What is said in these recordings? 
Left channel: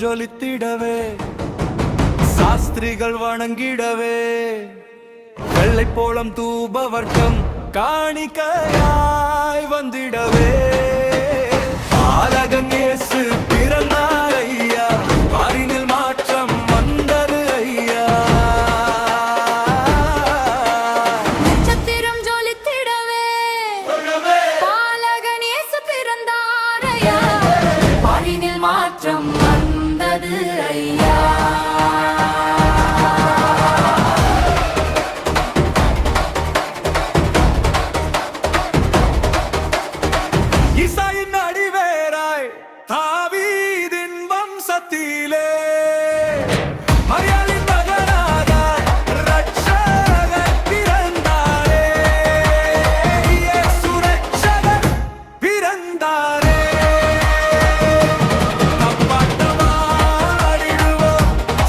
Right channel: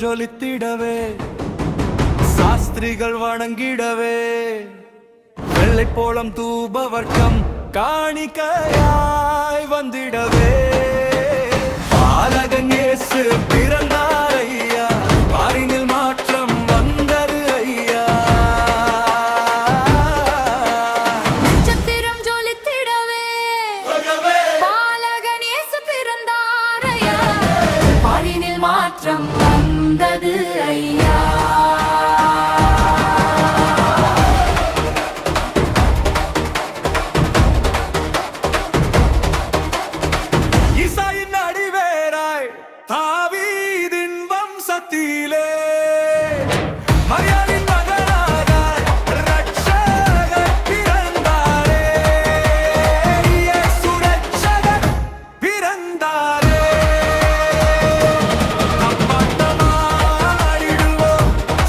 ஜொலித்திடவே சாஸ்திரிகள் வணங்கிடவே வெள்ளை போலம் தூபவர்க்கம் காணிக்கையாய் வந்திடவே பாலகன் இயேசு பிறந்தார் ஐயா, பாரினில் மாற்றம் வந்தது ஐயா. நட்சத்திரம் ஜொலித்திடவே பாலகன் இயேசு பிறந்தார் ஐயா, பாரினில் மாற்றம் வந்தது ஐயா. ஈசாயின் அடிவேராய் தாவீதின் வம்சத்திலே மரியாளின் மகனாக இரட்சகர் பிறந்தாரே, இயேசு இரட்சகர் பிறந்தாரே. தப்பாட்டமாடிடுவோம்,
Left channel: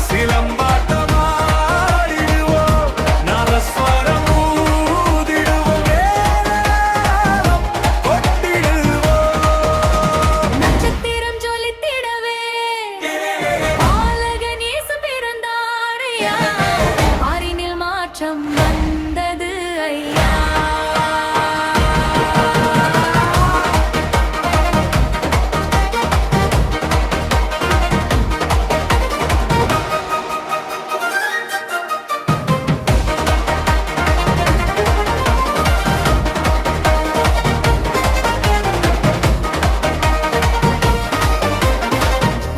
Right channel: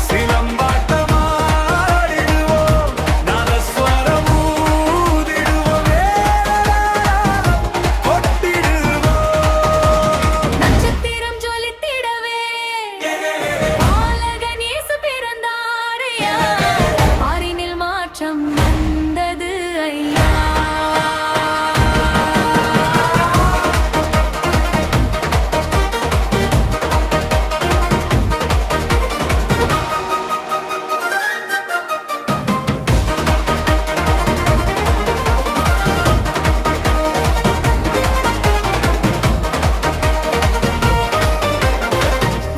சிலம்பாட்டமாடிடுவோம், நாதஸ்வரம் ஊதிடுவோம், மேளதாளம் கொட்டிடுவோம். நட்சத்திரம் ஜொலித்திடவே பாலகன் இயேசு பிறந்தார் ஐயா, பாரினில் மாற்றம் வந்தது ஐயா.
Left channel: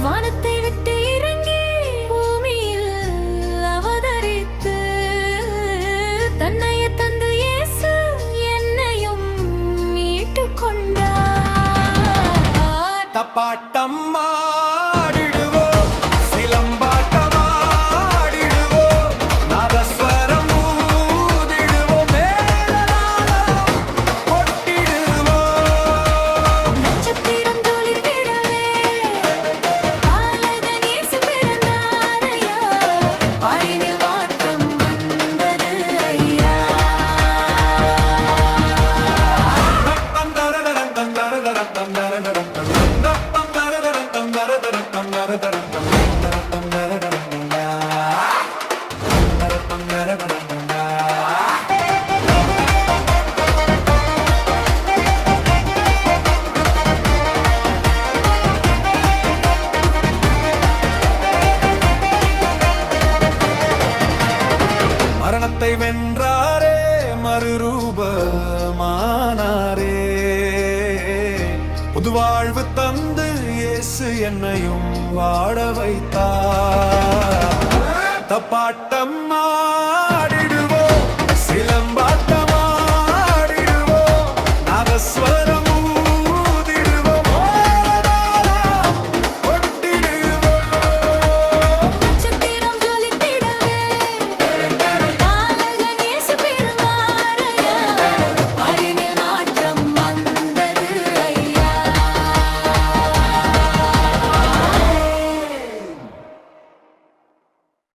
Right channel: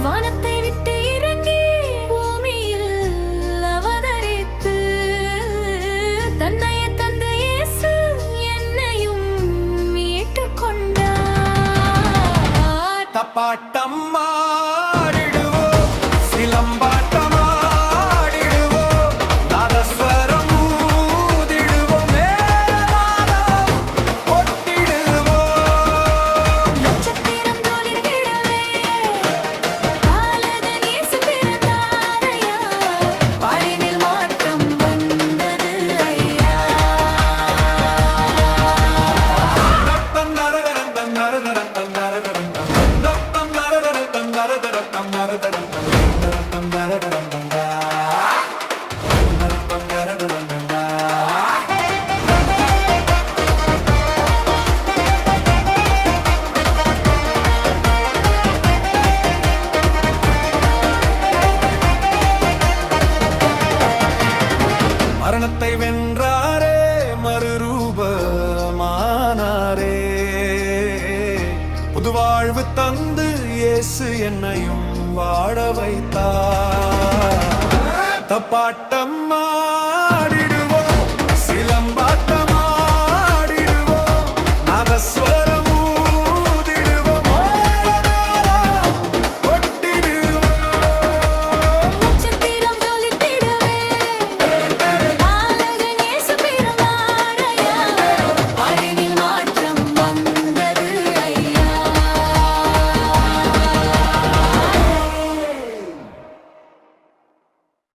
வானத்தை விட்டு இறங்கி பூமியில் அவதரித்து தன்னையே தந்து இயேசு என்னையும் மீட்டுக் கொண்டார். தப்பாட்டம் ஆடிடுவோம், சிலம்பாட்டம் ஆடிடுவோம், நாதஸ்வரம் ஊதிடுவோம், மேளதாளம் கொட்டிடுவோம். நட்சத்திரம் ஜொலித்திடவே பாலகன் இயேசு பிறந்தார் ஐயா, பாரினில் மாற்றம் வந்தது ஐயா. தத்தம் நரதரம் தம் நரதரம் தம் நரதரம் தம் தத்தம் நரதரம் தம் நரதரம் தம் நரதரம் தம் நரதரம் நரதரம் தம் நரதரம் நரதரம் தம். மரணத்தை வென்றாரே, மறுரூபமானாரே, புதுவாழ்வு தந்து இயேசு என்னையும் வாழ வைத்தார். தப்பாட்டம் ஆடிடுவோம், சிலம்பாட்டம் ஆடிடுவோம், நாதஸ்வரம்